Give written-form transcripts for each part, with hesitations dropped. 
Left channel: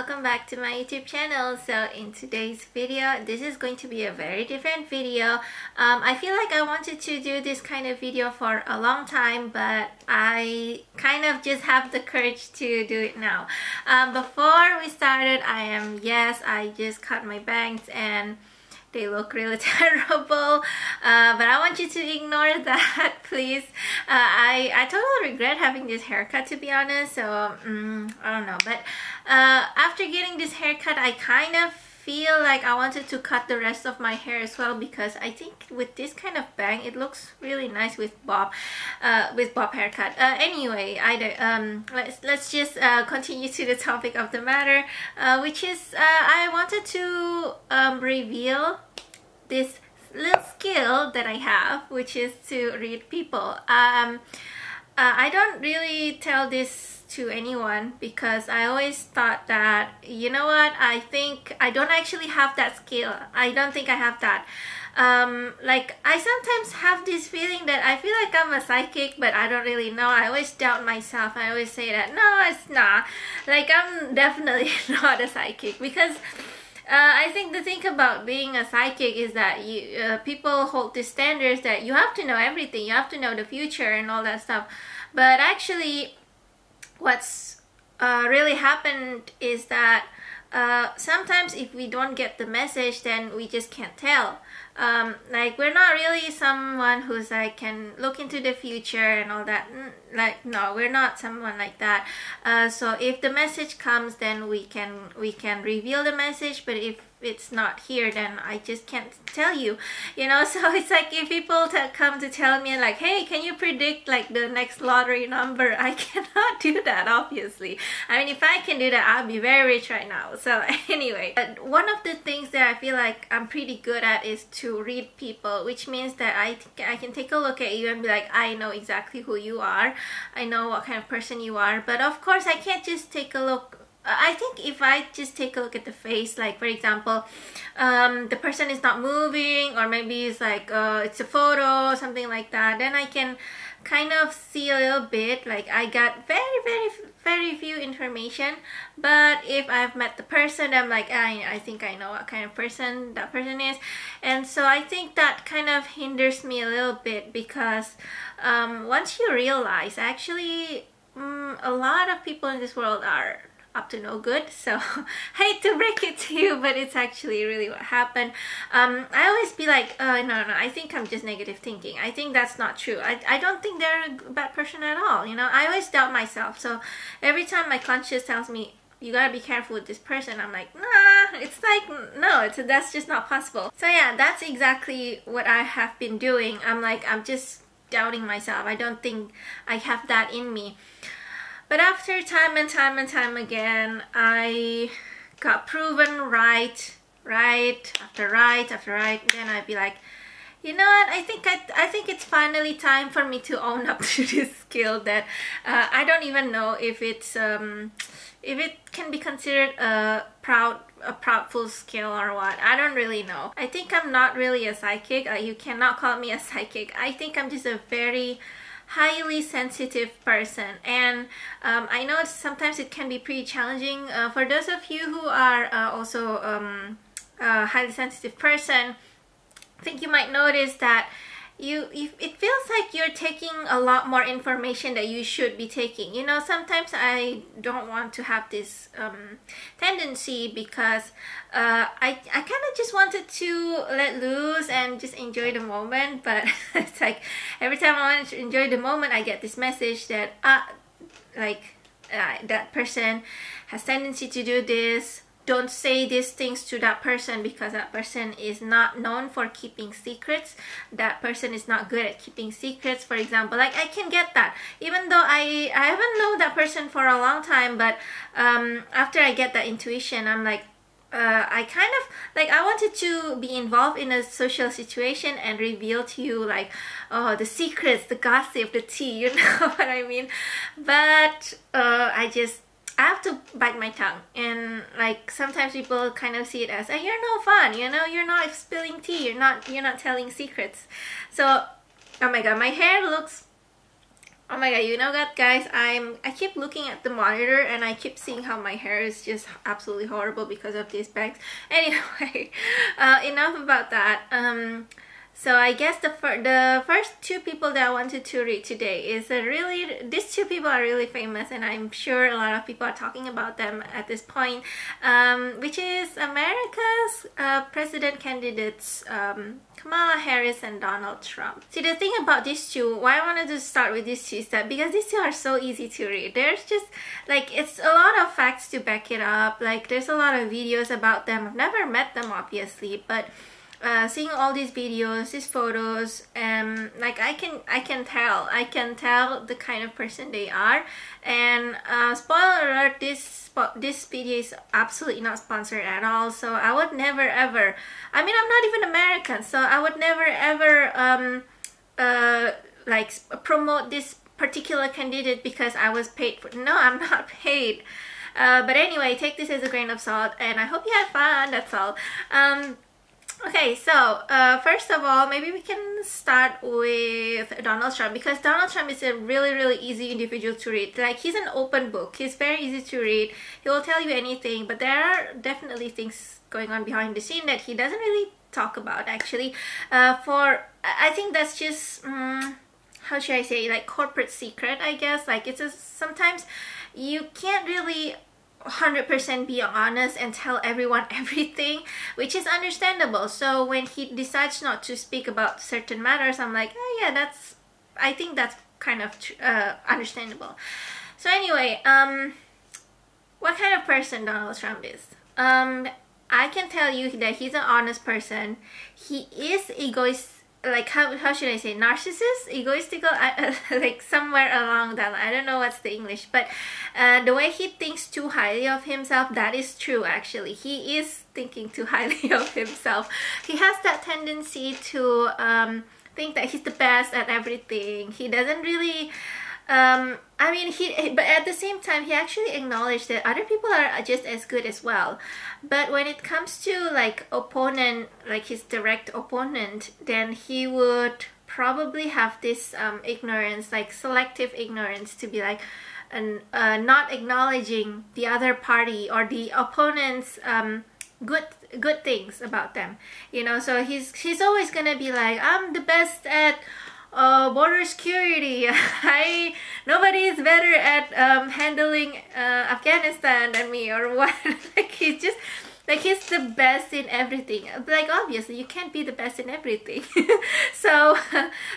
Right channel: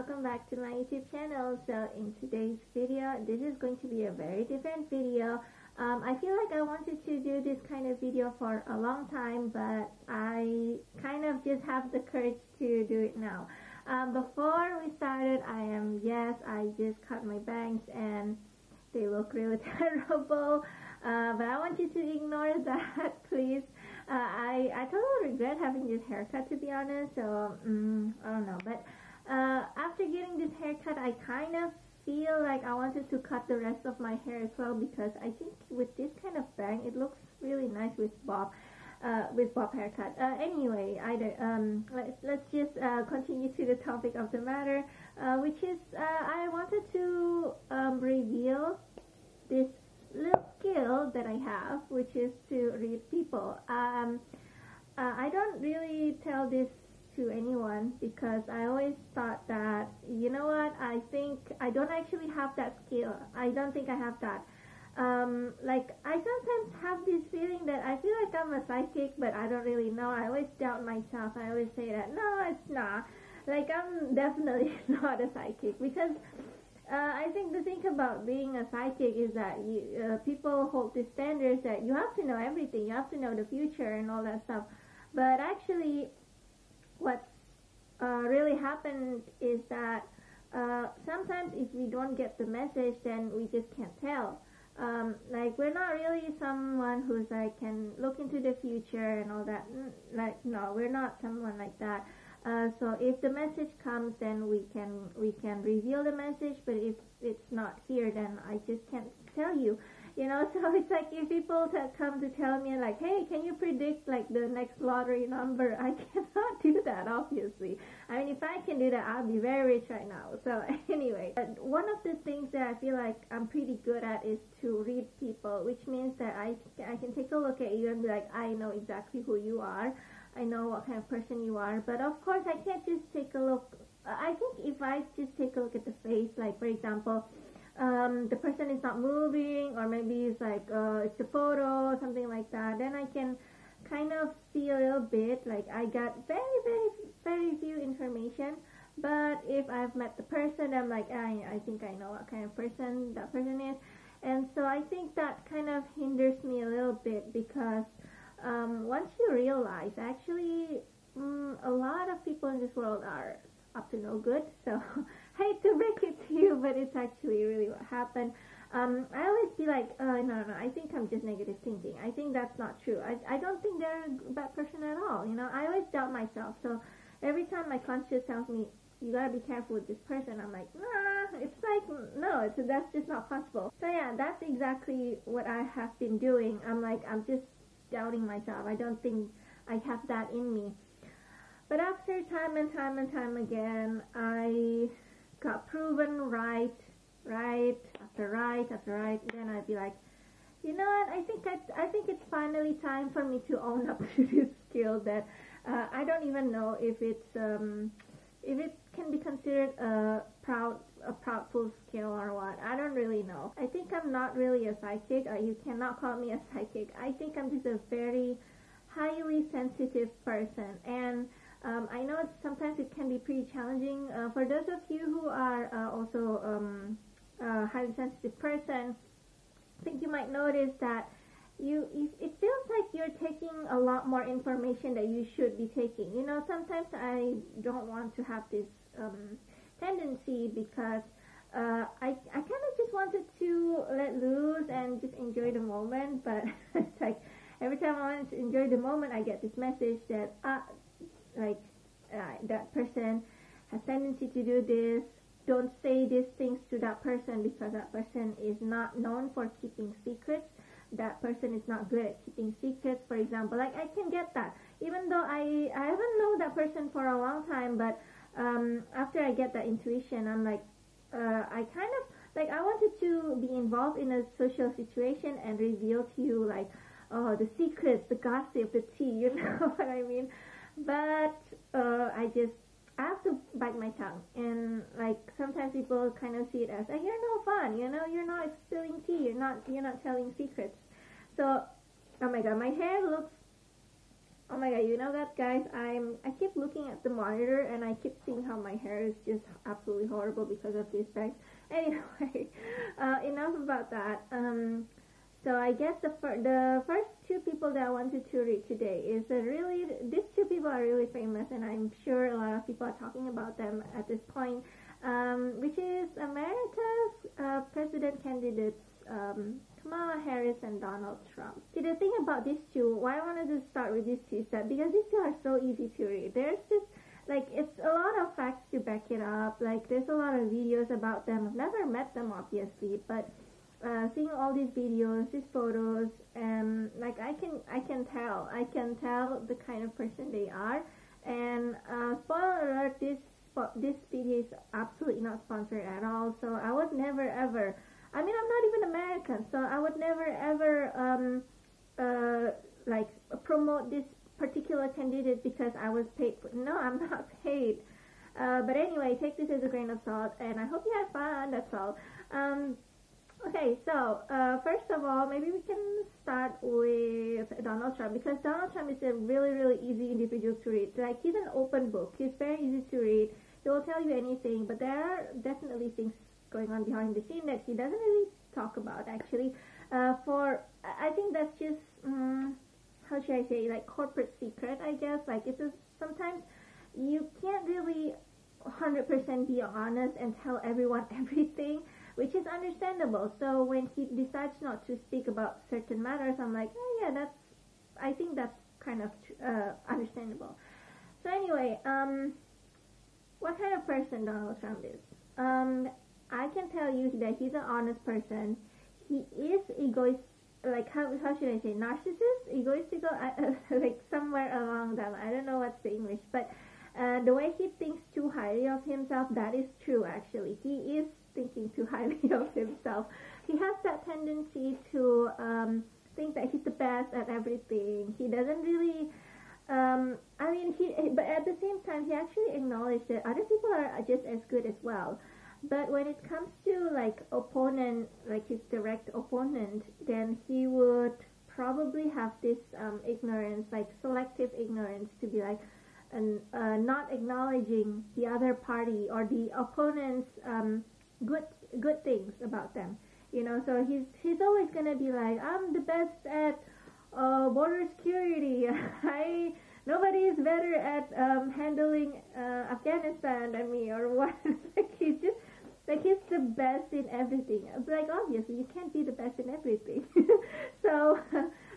welcome back to my YouTube channel. So in today's video, this is going to be a very different video. I feel like I wanted to do this kind of video for a long time, but I kind of just have the courage to do it now. Before we started, I just cut my bangs and they look really terrible, but I want you to ignore that, please. I totally regret having this haircut, to be honest, so I don't know, but after getting this haircut, I kind of feel like I wanted to cut the rest of my hair as well, because I think with this kind of bang it looks really nice with bob haircut. Anyway, let's just continue to the topic of the matter, which is I wanted to reveal this little skill that I have, which is to read people. I don't really tell this to anyone because I always thought that, you know what, I think I don't actually have that skill. I don't think I have that. Like, I sometimes have this feeling that I feel like I'm a psychic, but I don't really know. I always doubt myself. I always say that, no, it's not. Like, I'm definitely not a psychic, because I think the thing about being a psychic is that people hold these standards that you have to know everything, you have to know the future and all that stuff. But actually, what's really happened is that sometimes if we don't get the message, then we just can't tell. Like, we're not really someone who's like can look into the future and all that. Like, no, we're not someone like that. So if the message comes, then we can reveal the message, but if it's not here, then I just can't tell you, you know. So it's like if people come to tell me like, hey, can you predict like the next lottery number, I cannot do that, obviously. I mean, if I can do that, I'll be very rich right now. So anyway, one of the things that I feel like I'm pretty good at is to read people, which means that I can take a look at you and be like, I know exactly who you are, I know what kind of person you are. But of course I can't just take a look. I think if I just take a look at the face, like for example, the person is not moving, or maybe it's like it's a photo or something like that, then I can kind of see a little bit. Like, I got very few information. But if I've met the person, I'm like, I think I know what kind of person that person is. And so I think that kind of hinders me a little bit, because once you realize actually a lot of people in this world are up to no good. So I hate to break it to you, but it's actually really what happened. I always be like, no, I think I'm just negative thinking. I think that's not true. I don't think they're a bad person at all, you know. I always doubt myself. So every time my conscience tells me, you gotta be careful with this person, I'm like, nah, it's like, no, that's just not possible. So yeah, that's exactly what I have been doing. I'm just doubting myself. I don't think I have that in me. But after time and time again, I got proven right after right, then I'd be like, you know what, I think it's finally time for me to own up to this skill that I don't even know if it's if it can be considered a proudful skill or what. I don't really know. I think I'm not really a psychic. You cannot call me a psychic. I think I'm just a very highly sensitive person, and I know sometimes it can be pretty challenging for those of you who are also a highly sensitive person. I think you might notice that it feels like you're taking a lot more information that you should be taking. You know, sometimes I don't want to have this tendency, because I kind of just wanted to let loose and just enjoy the moment. But it's like every time I want to enjoy the moment, I get this message that that person has tendency to do this. Don't say these things to that person, because that person is not known for keeping secrets. That person is not good at keeping secrets, for example. Like, I can get that, even though I haven't known that person for a long time. But after I get that intuition, I'm like, I kind of like, I wanted to be involved in a social situation and reveal to you like, oh, the secrets, the gossip, the tea, you know what I mean. But I have to bite my tongue, and like sometimes people kind of see it as, you're no fun, you know, you're not spilling tea, you're not telling secrets. So, oh my god, my hair looks Oh my god, you know what, guys? I keep looking at the monitor and I keep seeing how my hair is just absolutely horrible because of these bags. Anyway, enough about that. So I guess the first two people that I wanted to read today is these two people are really famous, and I'm sure a lot of people are talking about them at this point, which is America's president candidates, Kamala Harris and Donald Trump. See, the thing about these two, why I wanted to start with these two is that because these two are so easy to read. There's just like, it's a lot of facts to back it up. Like, there's a lot of videos about them. I've never met them, obviously, but seeing all these videos, these photos, like I can tell the kind of person they are. And spoiler alert, this video is absolutely not sponsored at all, so I would never ever, I mean, I'm not even American, so I would never ever like promote this particular candidate because I was paid for. No, I'm not paid. But anyway, take this as a grain of salt, and I hope you had fun. That's all. Okay, so first of all, maybe we can start with Donald Trump, because Donald Trump is a really easy individual to read. Like, he's an open book. He's very easy to read. He will tell you anything, but there are definitely things going on behind the scene that he doesn't really talk about, actually. I think that's just, how should I say, like corporate secret, I guess. Like, sometimes you can't really 100% be honest and tell everyone everything, which is understandable. So when he decides not to speak about certain matters, I'm like, oh yeah, I think that's kind of understandable. So anyway, what kind of person Donald Trump is? I can tell you that he's an honest person. He is egoist. Like, how should I say, narcissist, egoistical, like somewhere along that line. I don't know what's the English, but the way he thinks too highly of himself, that is true. Actually, he is thinking too highly of himself. He has that tendency to think that he's the best at everything. He doesn't really I mean, but at the same time, he actually acknowledged that other people are just as good as well. But when it comes to like opponent, like his direct opponent, then he would probably have this ignorance, like selective ignorance, to be like, not acknowledging the other party or the opponent's good things about them, you know. So he's always gonna be like, I'm the best at border security. Nobody is better at handling Afghanistan than me, or what. Like, he's just like, he's the best in everything. Like, obviously you can't be the best in everything. So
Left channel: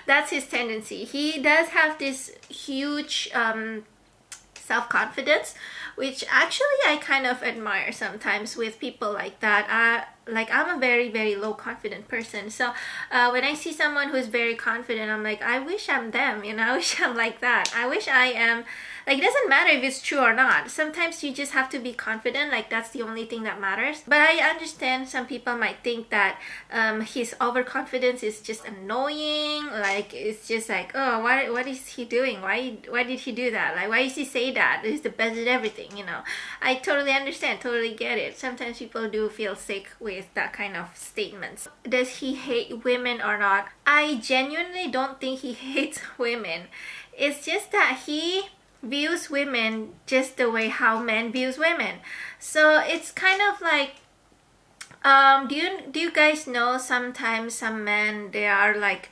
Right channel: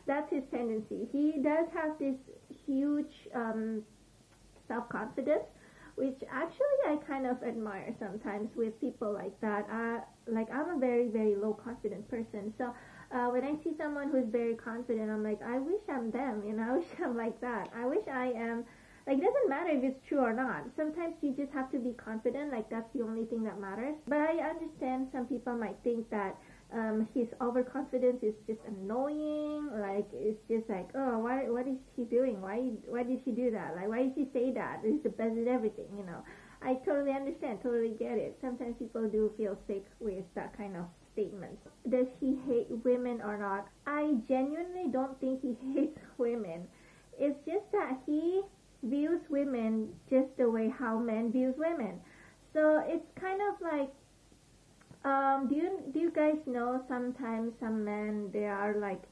that's his tendency. He does have this huge self-confidence, which actually I kind of admire sometimes with people like that. Like, I'm a very low confident person, so when I see someone who's very confident, I'm like, I wish I'm them, you know. I wish I'm like that. I wish I am. Like, it doesn't matter if it's true or not. Sometimes you just have to be confident. Like, that's the only thing that matters. But I understand some people might think that his overconfidence is just annoying. Like, it's just like, oh, what is he doing? Why did he do that? Like, why does he say that? He's the best at everything, you know. I totally understand, totally get it. Sometimes people do feel sick with that kind of statements. Does he hate women or not? I genuinely don't think he hates women. It's just that he views women just the way how men views women. So it's kind of like, do you guys know sometimes some men, they are like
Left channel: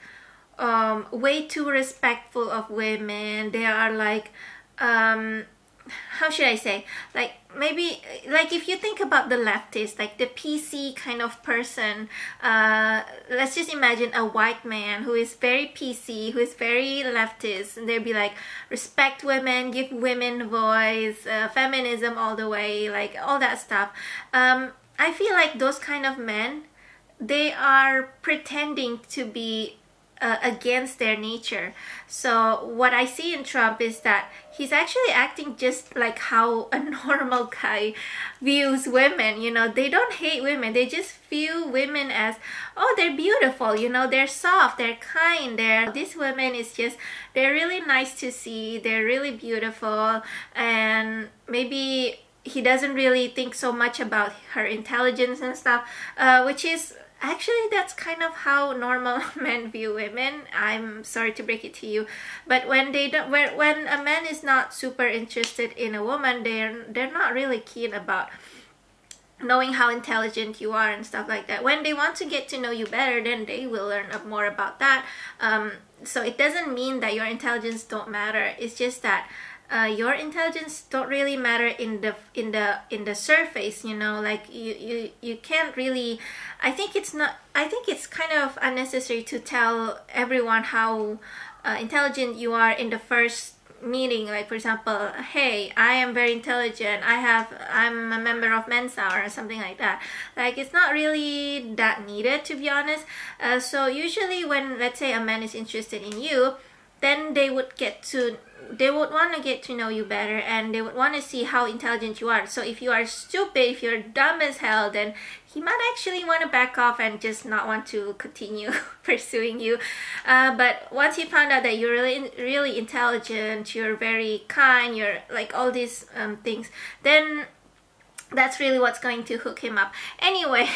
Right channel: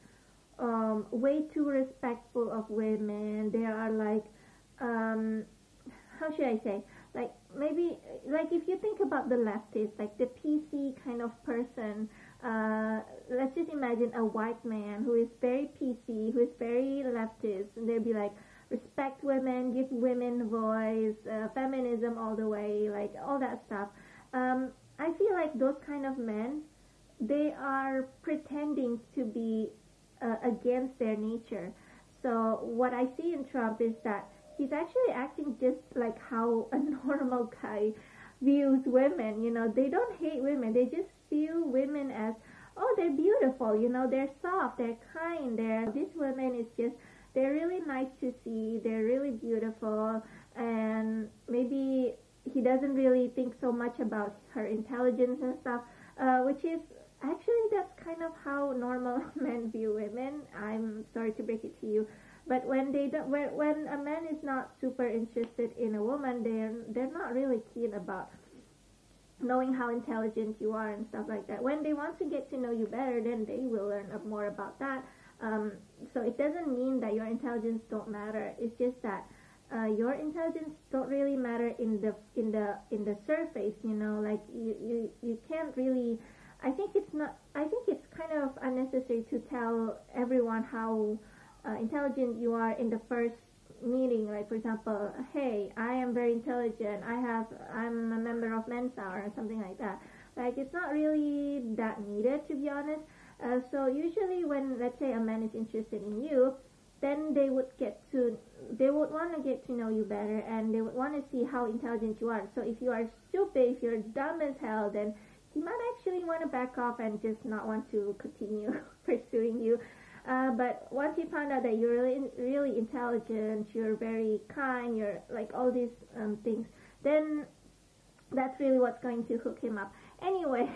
way too respectful of women. They are like, how should I say, like, maybe, like, if you think about the leftist, like the PC kind of person, let's just imagine a white man who is very PC, who is very leftist, and they'll be like, respect women, give women voice, feminism all the way, like all that stuff. I feel like those kind of men, they are pretending to be against their nature. So what I see in Trump is that he's actually acting just like how a normal guy views women. You know, they don't hate women, they just view women as, oh, they're beautiful, you know, they're soft, they're kind, this woman is just, they're really nice to see, they're really beautiful. And maybe he doesn't really think so much about her intelligence and stuff, which is Actually, that's kind of how normal men view women. I'm sorry to break it to you, but when they don't, when a man is not super interested in a woman, they're not really keen about knowing how intelligent you are and stuff like that. When they want to get to know you better, then they will learn more about that. So it doesn't mean that your intelligence don't matter. It's just that your intelligence don't really matter in the surface. You know, like you can't really. I think it's kind of unnecessary to tell everyone how intelligent you are in the first meeting. Like, for example, hey, I am very intelligent, I'm a member of Mensa or something like that. Like, it's not really that needed, to be honest. So usually when, let's say, a man is interested in you, then they would want to get to know you better, and they would want to see how intelligent you are. So if you are stupid, if you're dumb as hell, then he might actually want to back off and just not want to continue pursuing you. But once he found out that you're really intelligent, you're very kind, you're like all these things, then that's really what's going to hook him up. Anyway,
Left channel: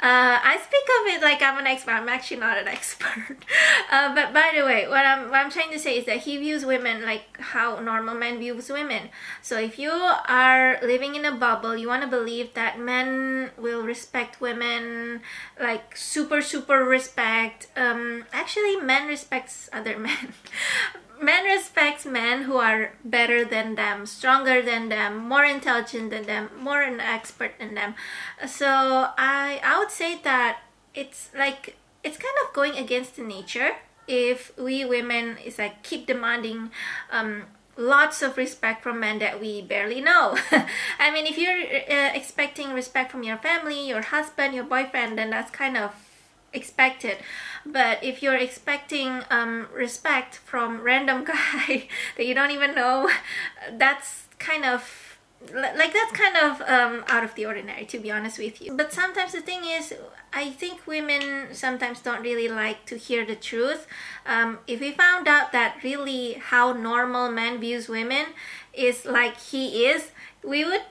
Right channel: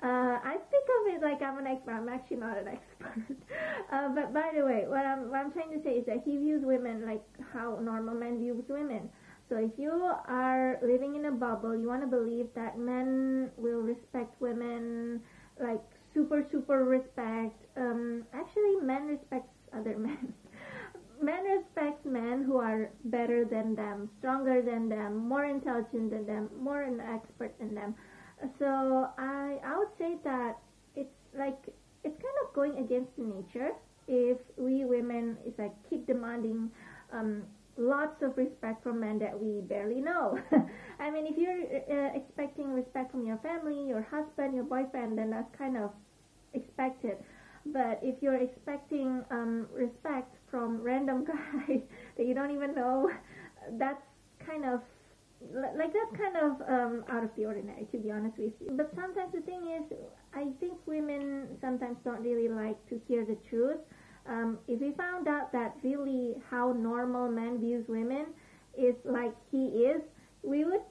I speak of it like I'm an expert. I'm actually not an expert. But by the way, what I'm trying to say is that he views women like how normal men views women. So if you are living in a bubble, you want to believe that men will respect women, like super respect. Actually, men respects other men. Men respects men who are better than them, stronger than them, more intelligent than them, more an expert than them. So I would say that it's kind of going against the nature if we women is like keep demanding lots of respect from men that we barely know. I mean, if you're expecting respect from your family, your husband, your boyfriend, then that's kind of expected. But if you're expecting respect from random guy that you don't even know, that's kind of out of the ordinary, to be honest with you. But sometimes the thing is, I think women sometimes don't really like to hear the truth. If we found out that really how normal men views women is like he is, we would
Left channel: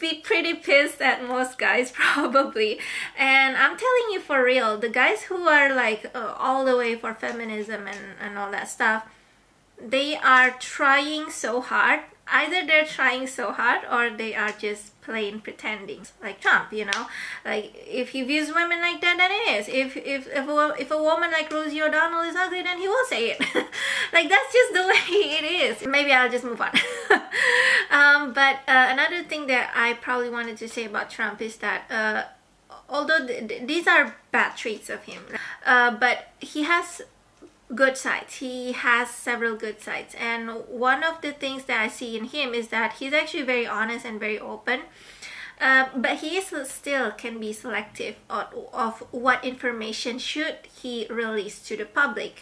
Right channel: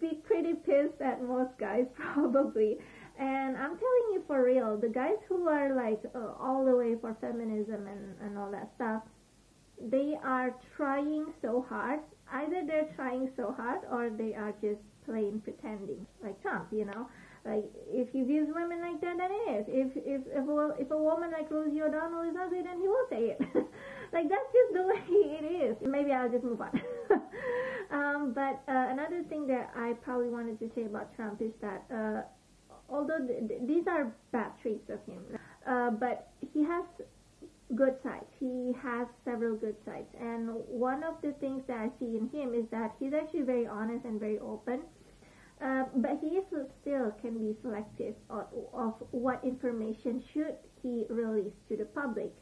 be pretty pissed at most guys probably. And I'm telling you for real, the guys who are like all the way for feminism and all that stuff, they are trying so hard. Either they're trying so hard or they are just plain pretending, like Trump, you know. Like, if he views women like that, then it is. If a woman like Rosie O'Donnell is ugly, then he will say it. Like, that's just the way it is. Maybe I'll just move on. But another thing that I probably wanted to say about Trump is that although these are bad traits of him, but he has good sides. He has several good sides, and one of the things that I see in him is that he's actually very honest and very open. But he still can be selective of what information should he release to the public.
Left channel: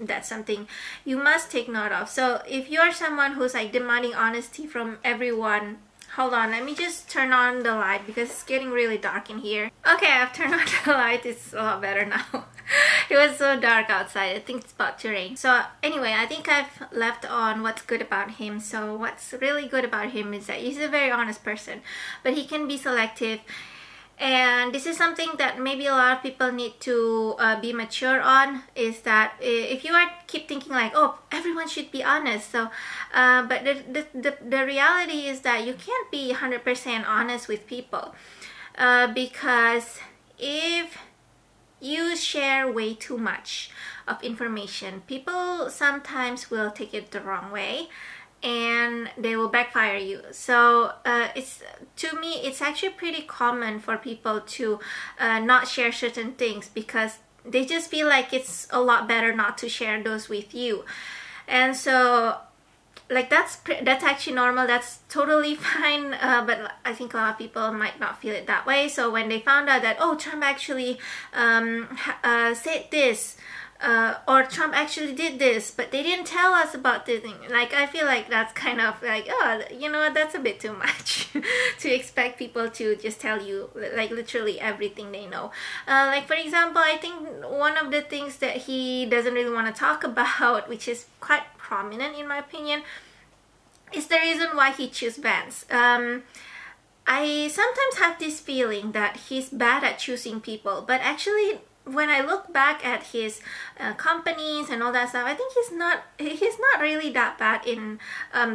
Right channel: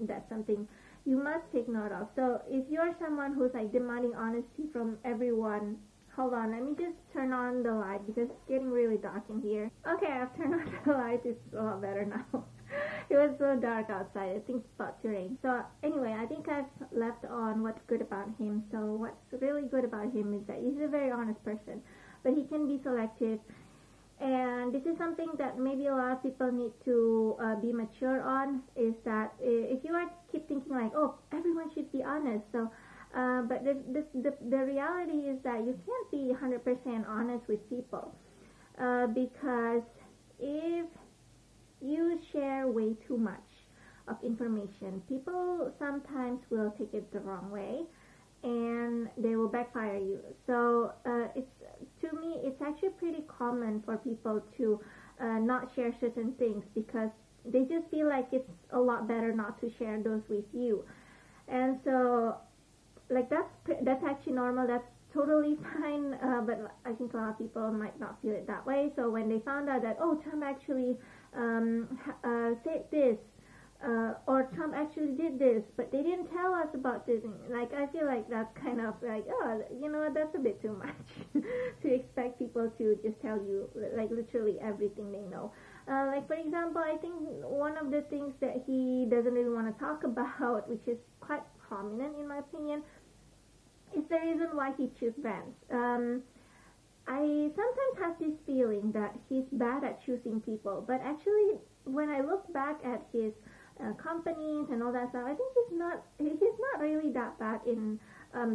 That's something you must take note of. So if you're someone who's like demanding honesty from everyone, hold on, let me just turn on the light because it's getting really dark in here. Okay, I've turned on the light. It's a lot better now. It was so dark outside. I think it's about to rain. So anyway, I think I've left on what's good about him. So what's really good about him is that he's a very honest person, but he can be selective. And this is something that maybe a lot of people need to be mature on, is that if you are keep thinking like, oh, everyone should be honest. So but the reality is that you can't be 100% honest with people, because if you share way too much of information, people sometimes will take it the wrong way and they will backfire you. So to me, it's actually pretty common for people to not share certain things because they just feel like it's a lot better not to share those with you. And so like that's actually normal, that's totally fine, but I think a lot of people might not feel it that way. So when they found out that, oh, Trump actually said this, or Trump actually did this, but they didn't tell us about this thing, like I feel like that's kind of like, oh, you know what, that's a bit too much to expect people to just tell you like literally everything they know. Like, for example, I think one of the things that he doesn't really want to talk about, which is quite prominent in my opinion, is the reason why he chose Vance. I sometimes have this feeling that he's bad at choosing people, but actually when I look back at his companies and all that stuff, I think he's not really that bad in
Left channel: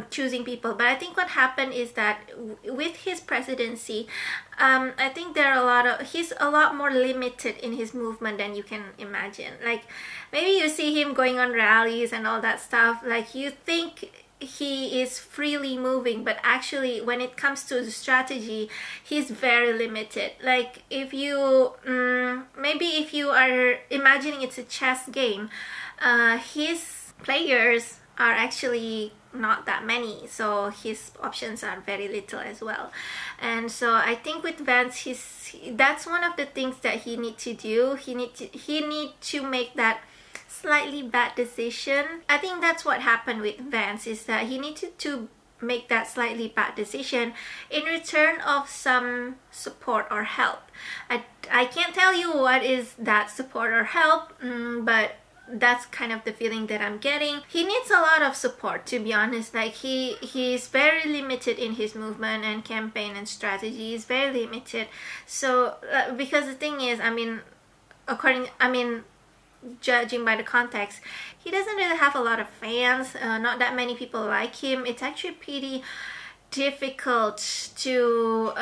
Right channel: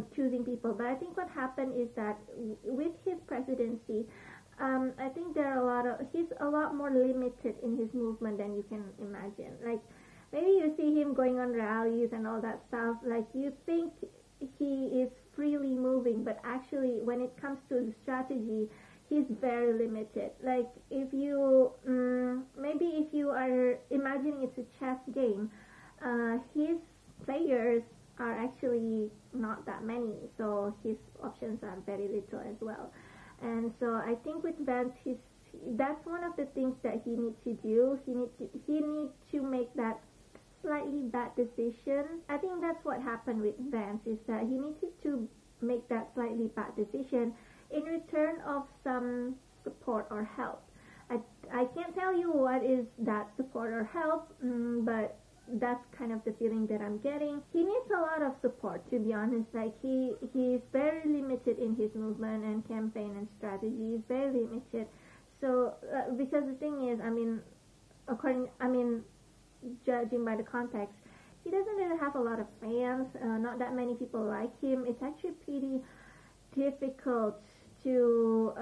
choosing people. But I think what happened is that with his presidency, I think he's a lot more limited in his movement than you can imagine. Like maybe you see him going on rallies and all that stuff, like you think he is freely moving, but actually when it comes to the strategy, he's very limited. Like if you maybe if you are imagining it's a chess game, his players are actually not that many, so his options are very little as well. And so I think with Vance, that's one of the things that he need to do. He need to make that slightly bad decision. I think that's what happened with Vance, is that he needed to make that slightly bad decision in return of some support or help. I can't tell you what is that support or help, but that's kind of the feeling that I'm getting. He needs a lot of support, to be honest. Like he's very limited in his movement and campaign and strategy. He's very limited. So because the thing is, judging by the context, he doesn't really have a lot of fans. Not that many people like him. It's actually pretty difficult to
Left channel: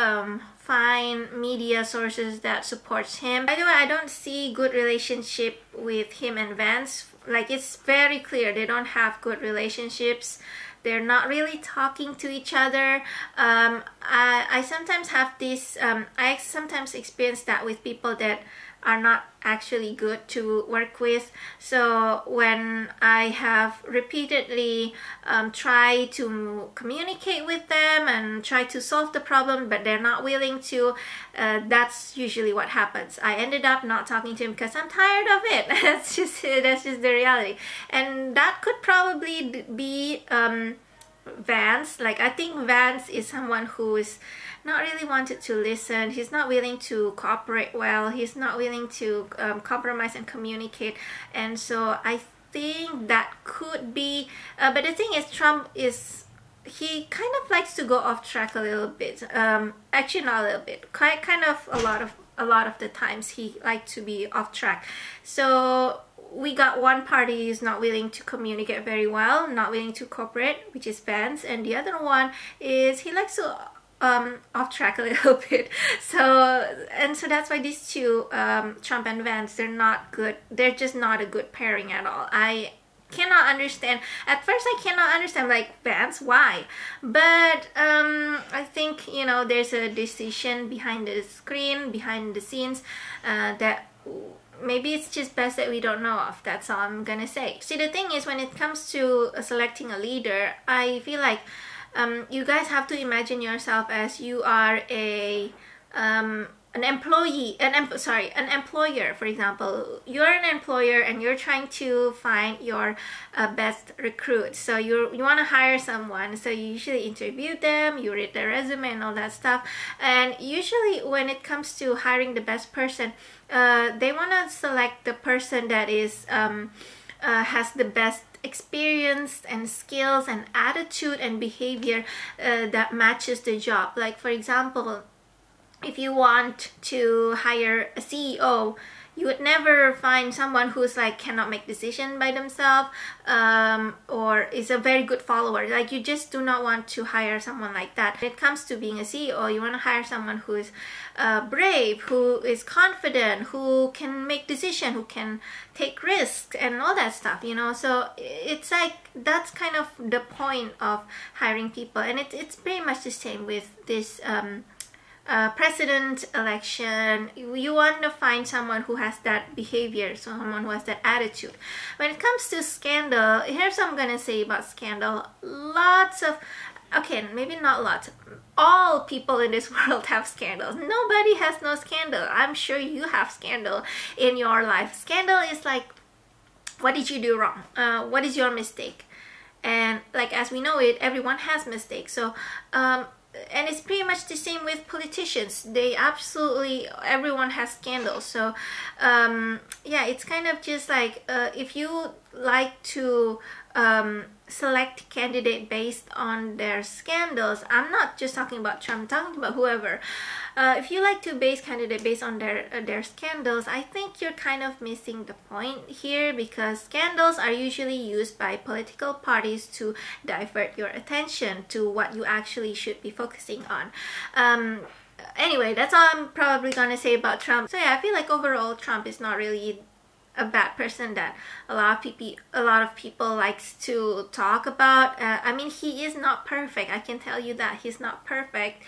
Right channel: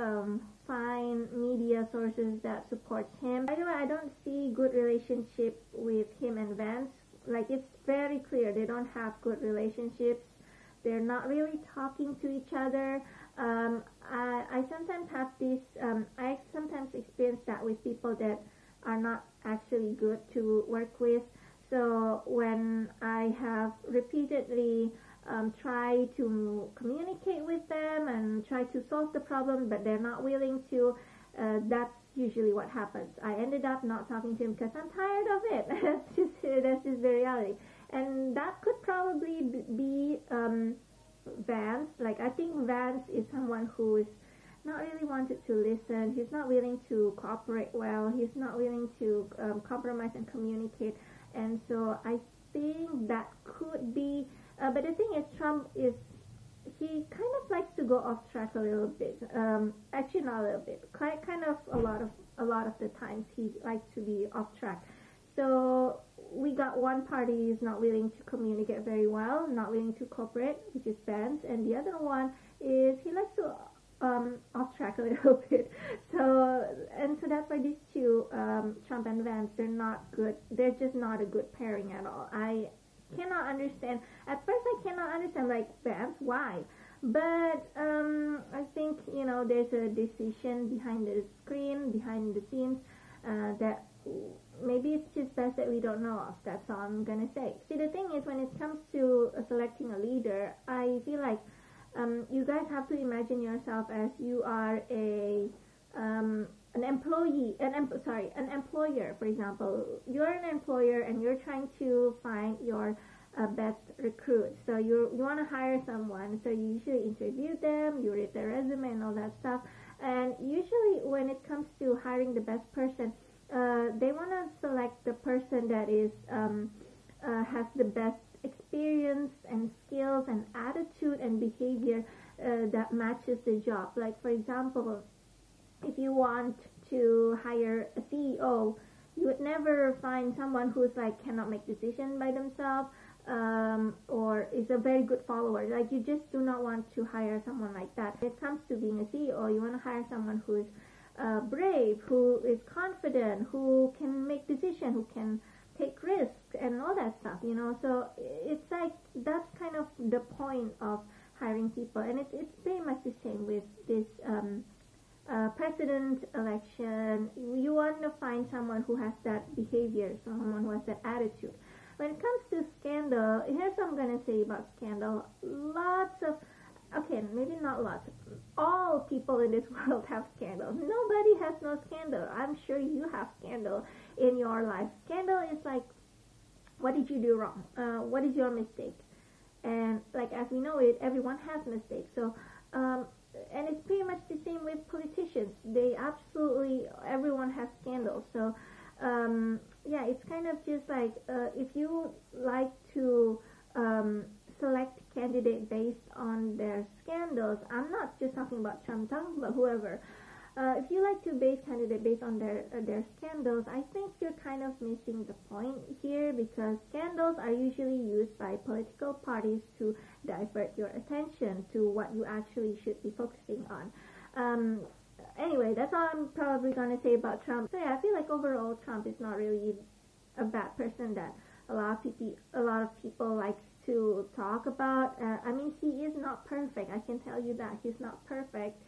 find media sources that supports him. By the way, I don't see good relationship with him and Vance. Like it's very clear they don't have good relationships. They're not really talking to each other. I sometimes have this, I sometimes experience that with people that are not actually good to work with. So when I have repeatedly tried to communicate with them and try to solve the problem, but they're not willing to, that's usually what happens. I ended up not talking to him because I'm tired of it. That's just the reality. And that could probably be Vance. Like I think Vance is someone who is not really wanted to listen. He's not willing to cooperate well. He's not willing to compromise and communicate. And so I think that could be, but the thing is, Trump is, he kind of likes to go off track a little bit. Actually not a little bit, kind of a lot of the times he likes to be off track. So we got one party is not willing to communicate very well, not willing to cooperate, which is Vance, and the other one is he likes to off track a little bit. So that's why these two, Trump and Vance, they're not good. They're just not a good pairing at all. I cannot understand. At first I cannot understand, like, Vance, why? But I think, you know, there's a decision behind the screen, behind the scenes, that maybe it's just best that we don't know of. That's all I'm gonna say. See, the thing is, when it comes to selecting a leader, I feel like you guys have to imagine yourself as you are an employer. For example, you're an employer and you're trying to find your best recruit. So you want to hire someone, so you usually interview them, you read their resume and all that stuff. And usually when it comes to hiring the best person, they want to select the person that is has the best experience and skills and attitude and behavior that matches the job. Like, for example, if you want to hire a CEO, you would never find someone who's like cannot make decision by themselves, or is a very good follower. Like, you just do not want to hire someone like that. When it comes to being a CEO, you want to hire someone who is brave, who is confident, who can make decision, who can take risks and all that stuff, you know. So it's like, that's kind of the point of hiring people. And it's pretty much the same with this president election. You want to find someone who has that behavior, someone who has that attitude. When it comes to scandal, here's what I'm gonna say about scandal. Lots of, okay, maybe not lots, all people in this world have scandals. Nobody has no scandal. I'm sure you have scandal in your life. Scandal is like, what did you do wrong? What is your mistake? And like, as we know it, everyone has mistakes. So and it's pretty much the same with politicians. They absolutely, everyone has scandals. So yeah, it's kind of just like, if you like to select candidate based on their scandals. I'm not just talking about Trump, I'm talking about whoever. If you like to base candidate based on their scandals, I think you're kind of missing the point here, because scandals are usually used by political parties to divert your attention to what you actually should be focusing on. Anyway, that's all I'm probably gonna say about Trump. So yeah, I feel like overall Trump is not really a bad person that a lot of people likes to talk about. I mean, he is not perfect. I can tell you that he's not perfect.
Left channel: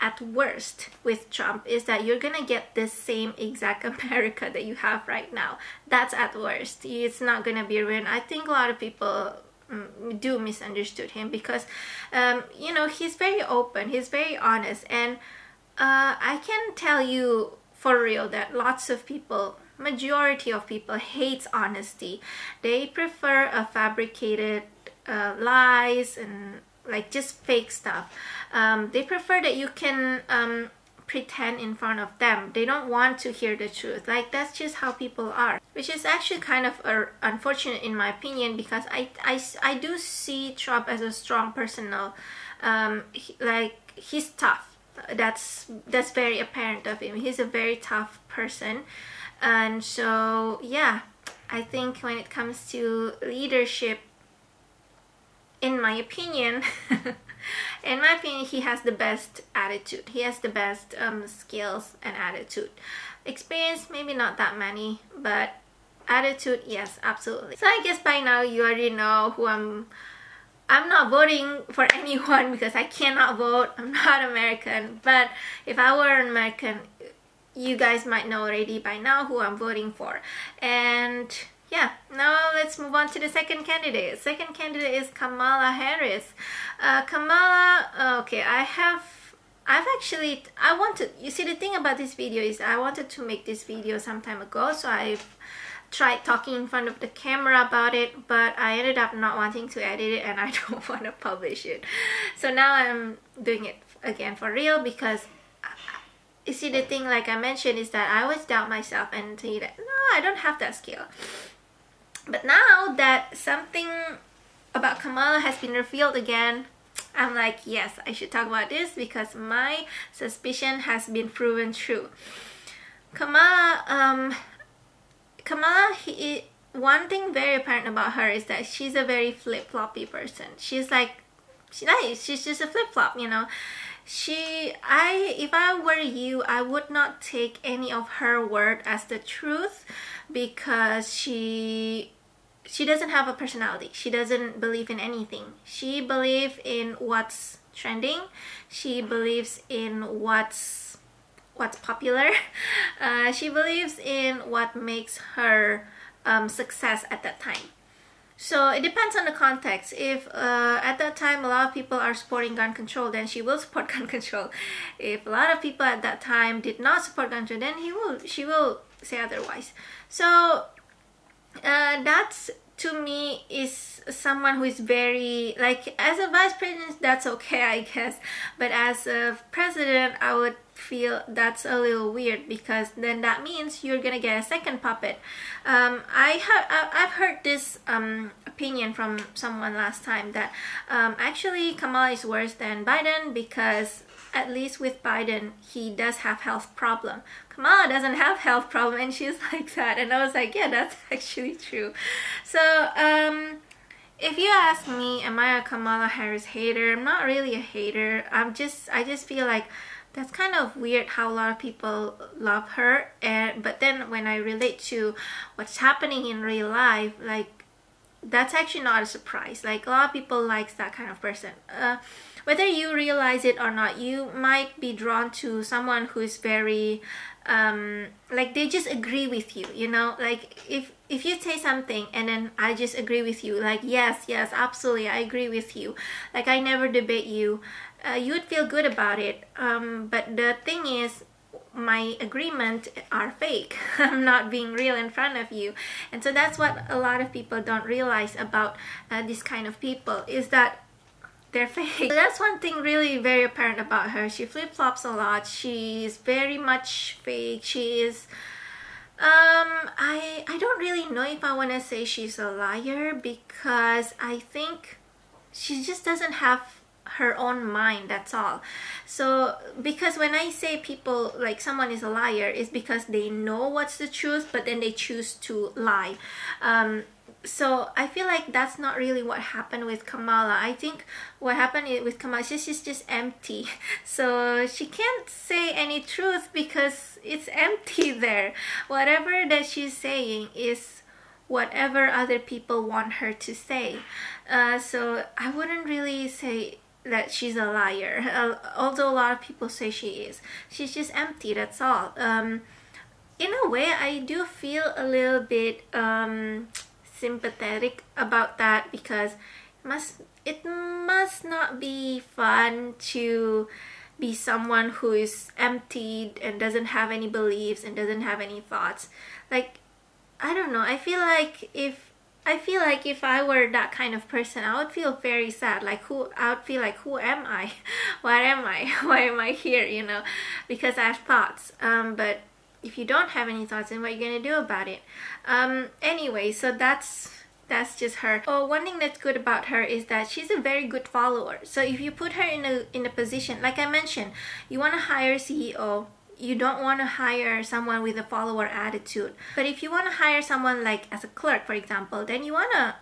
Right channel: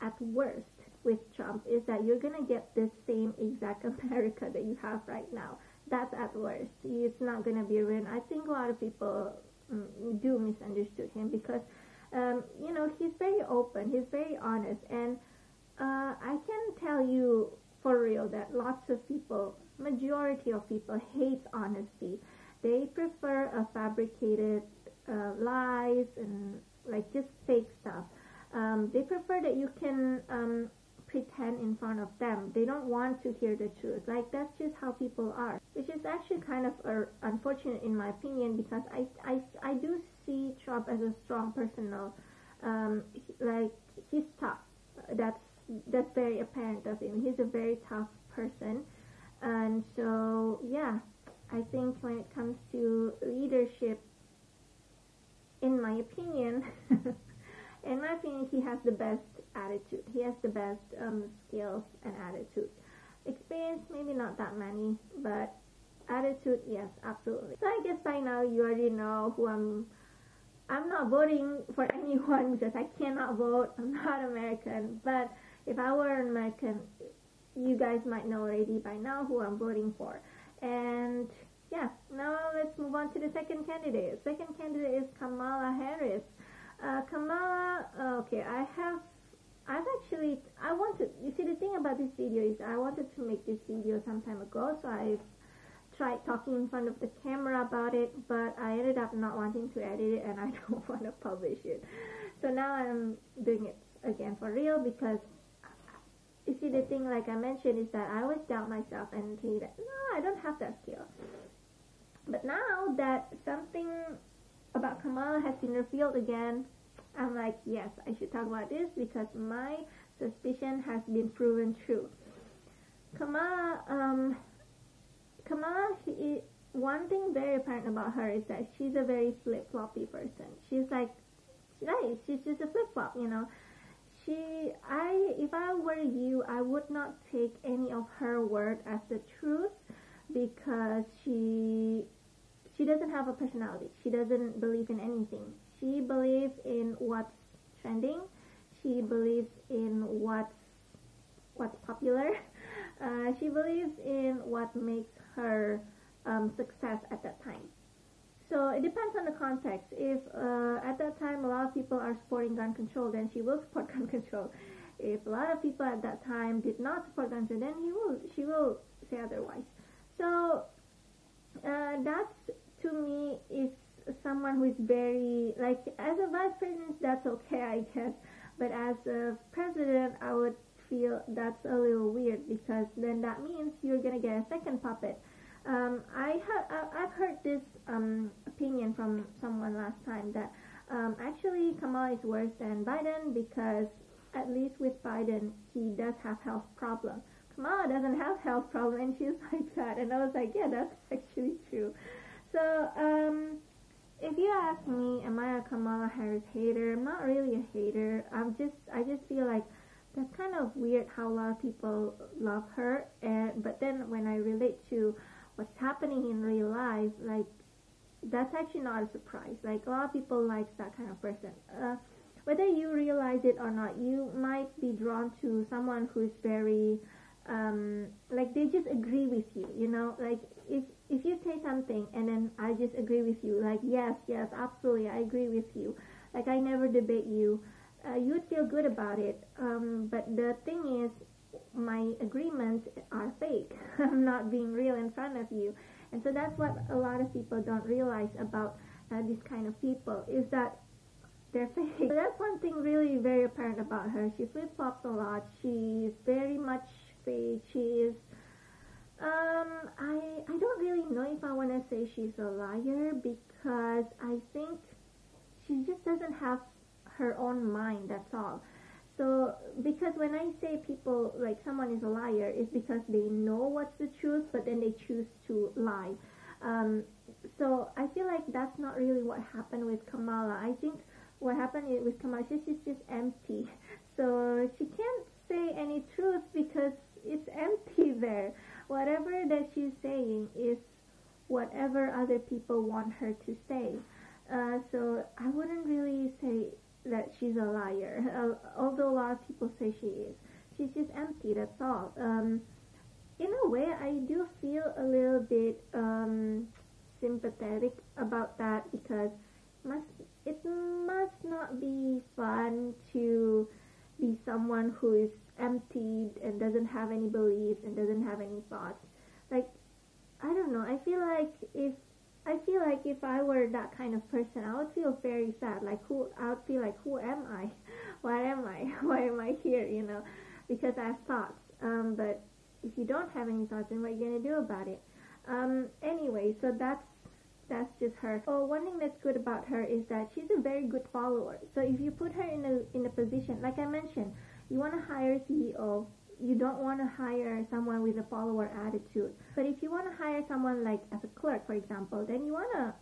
At worst with Trump is that you're gonna get the same exact America that you have right now. That's at worst. It's not gonna be ruined. I think a lot of people do misunderstood him, because you know, he's very open, he's very honest, and I can tell you for real that lots of people, majority of people, hates honesty. They prefer a fabricated lies and like just fake stuff. They prefer that you can pretend in front of them. They don't want to hear the truth. Like, that's just how people are, which is actually kind of unfortunate in my opinion, because I do see Trump as a strong person now. Like, he's tough. That's very apparent of him. He's a very tough person. And so yeah, I think when it comes to leadership, in my opinion he has the best attitude. He has the best skills and attitude. Experience, maybe not that many, but attitude, yes, absolutely. So I guess by now you already know who I'm not voting for anyone, because I cannot vote. I'm not American. But if I were an American, you guys might know already by now who I'm voting for. And yeah, now let's move on to the second candidate. Second candidate is Kamala Harris. Kamala, okay, you see, the thing about this video is I wanted to make this video some time ago, so I've tried talking in front of the camera about it, but I ended up not wanting to edit it, and I don't want to publish it. So now I'm doing it again for real, because you see, the thing, like I mentioned, is that I always doubt myself and say that no, I don't have that skill. But now that something about Kamala has been revealed again, I'm like, yes, I should talk about this, because my suspicion has been proven true. Kamala, one thing very apparent about her is that she's a very flip-floppy person. She's just a flip-flop, you know. If I were you, I would not take any of her word as the truth, because she doesn't have a personality. She doesn't believe in anything. She believes in what's trending. She believes in what's popular. She believes in what makes her success at that time. So it depends on the context. If at that time a lot of people are supporting gun control, then she will support gun control. If a lot of people at that time did not support gun control, then she will say otherwise. So that's, to me, is someone who is very, like, as a vice president, that's okay, I guess, but as a president, I would feel that's a little weird, because then that means you're gonna get a second puppet. I've heard this opinion from someone last time that actually Kamala is worse than Biden, because at least with Biden, he does have health problem. Kamala doesn't have health problem, and she's like that. And I was like, yeah, that's actually true. So if you ask me, am I a Kamala Harris hater? I'm not really a hater. I just feel like that's kind of weird how a lot of people love her, but then when I relate to what's happening in real life, like, that's actually not a surprise. Like, a lot of people likes that kind of person. Whether you realize it or not, you might be drawn to someone who is very like, they just agree with you, you know. Like, if you say something and then I just agree with you, like, yes, absolutely, I agree with you, like, I never debate you, you would feel good about it. But the thing is, my agreement are fake. I'm not being real in front of you. And so that's what a lot of people don't realize about this kind of people, is that they're fake. So that's one thing really very apparent about her. She flip-flops a lot. She's very much fake. She is I don't really know if I want to say she's a liar, because I think she just doesn't have her own mind, that's all. So because when I say people, like someone is a liar, is because they know what's the truth but then they choose to lie. So I feel like that's not really what happened with Kamala. I think what happened with Kamala, she's just empty. So she can't say any truth because it's empty there. Whatever that she's saying is whatever other people want her to say. So I wouldn't really say that she's a liar, although a lot of people say she is. She's just empty, that's all. In a way, I do feel a little bit sympathetic about that, because it must not be fun to be someone who is emptied and doesn't have any beliefs and doesn't have any thoughts. Like, I don't know, I feel like if I were that kind of person, I would feel very sad. I would feel like, who am I? What am I? Why am I here? You know, because I have thoughts. But if you don't have any thoughts, then what are you gonna do about it? Anyway, so that's just her. Oh, one thing that's good about her is that she's a very good follower. So if you put her in a position, like I mentioned, you want to hire a CEO. You don't want to hire someone with a follower attitude. But if you want to hire someone like as a clerk, for example, then you want to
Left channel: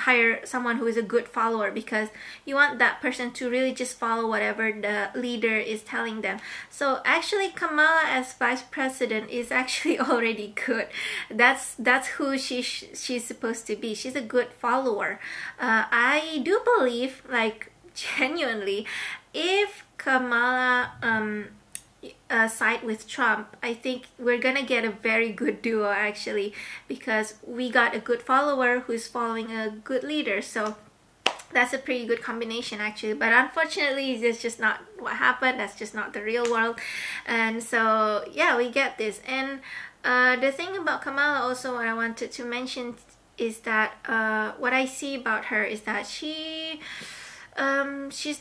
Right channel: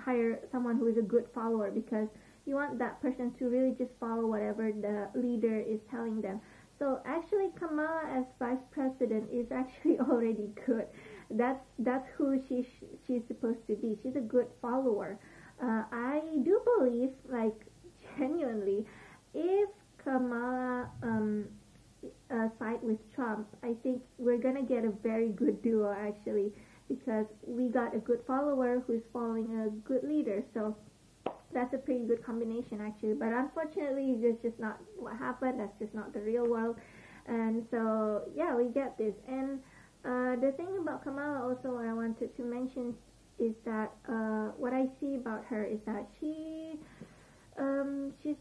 hire someone who is a good follower, because you want that person to really just follow whatever the leader is telling them. So actually Kamala as vice president is actually already good. That's who she's supposed to be. She's a good follower. I do believe, like, genuinely, if Kamala side with Trump, I think we're gonna get a very good duo, actually, because we got a good follower who's following a good leader. So that's a pretty good combination, actually. But unfortunately, it's just not what happened. That's just not the real world. And so yeah, we get this. And the thing about Kamala also, what I wanted to mention is that what I see about her is that she's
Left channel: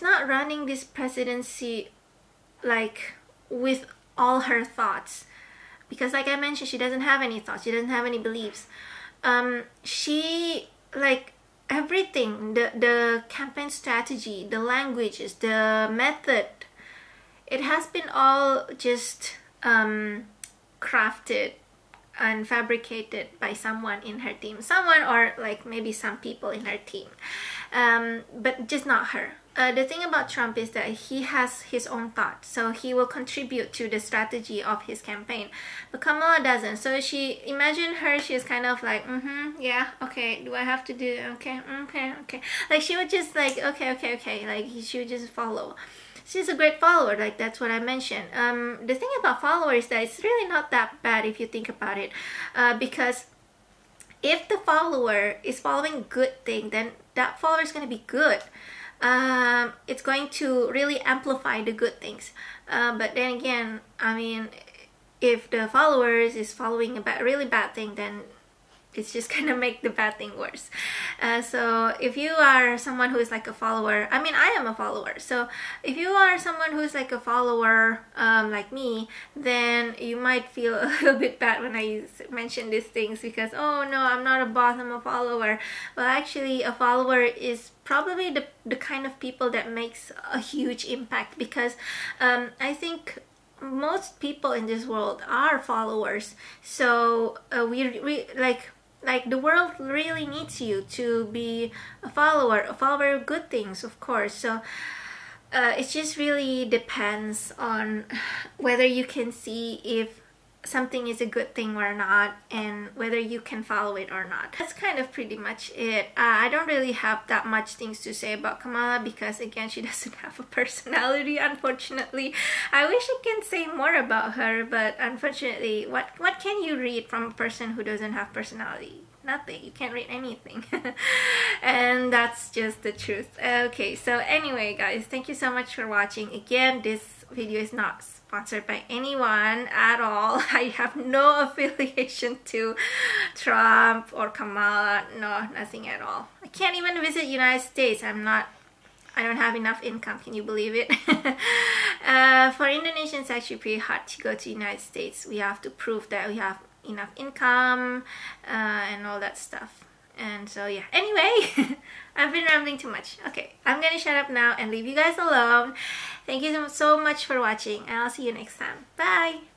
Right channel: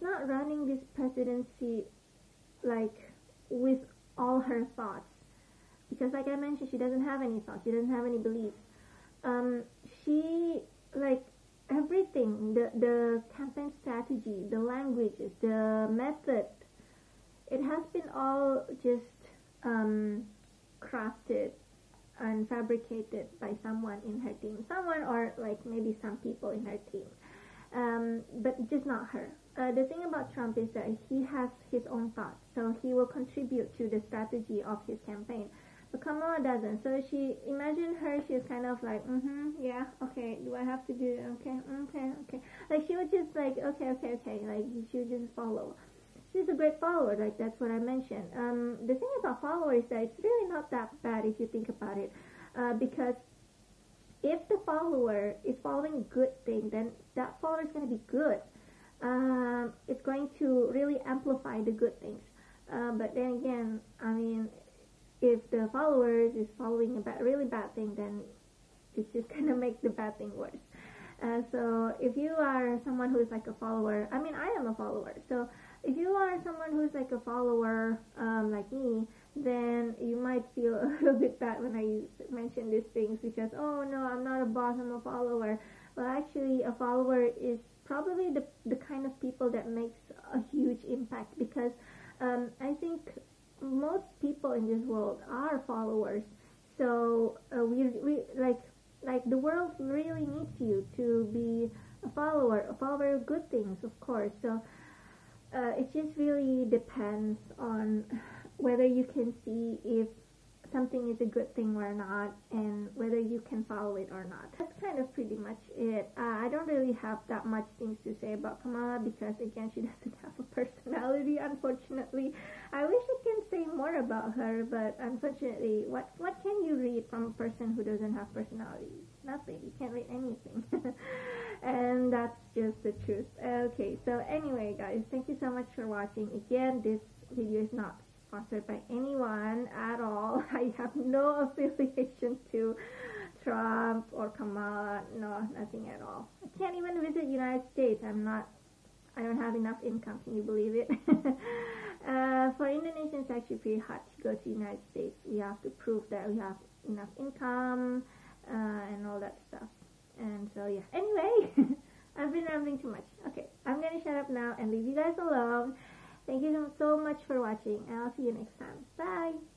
not running this presidency like with all her thoughts, because like I mentioned, she doesn't have any thoughts, she doesn't have any beliefs. She, like, everything, the campaign strategy, the languages, the method, it has been all just crafted and fabricated by someone in her team, or like maybe some people in her team, but just not her. The thing about Trump is that he has his own thoughts, so he will contribute to the strategy of his campaign. But Kamala doesn't. So imagine her, she's kind of like, yeah, okay, do I have to do, okay, okay. Like, she would just like, okay, like she would just follow. She's a great follower, like that's what I mentioned. The thing about followers is that it's really not that bad if you think about it, because if the follower is following a good thing, then that follower is going to be good. It's going to really amplify the good things. But then again, I mean, if the followers is following a really bad thing, then it's just gonna make the bad thing worse. So if you are someone who is like a follower, I mean, I am a follower, so if you are someone who's like a follower, like me, then you might feel a little bit bad when I mention these things, because, oh no, I'm not a boss, I'm a follower. Well, actually, a follower is probably the kind of people that makes a huge impact, because I think most people in this world are followers. So we like the world really needs you to be a follower of good things, of course. So it just really depends on whether you can see if something is a good thing or not, and whether you can follow it or not. That's kind of pretty much it. I don't really have that much things to say about Kamala, because again, she doesn't have a personality, unfortunately. I wish I can say more about her, but unfortunately, what can you read from a person who doesn't have personality? Nothing. You can't read anything. And that's just the truth. Okay, so anyway, guys, thank you so much for watching. Again, this video is not sponsored by anyone at all. I have no affiliation to Trump or Kamala. No, nothing at all. I can't even visit United States. I don't have enough income. Can you believe it? For Indonesians, it's actually pretty hard to go to United States. We have to prove that we have enough income and all that stuff. And so yeah, anyway, I've been rambling too much. Okay, I'm gonna shut up now and leave you guys alone. Thank you so much for watching, and I'll see you next time. Bye!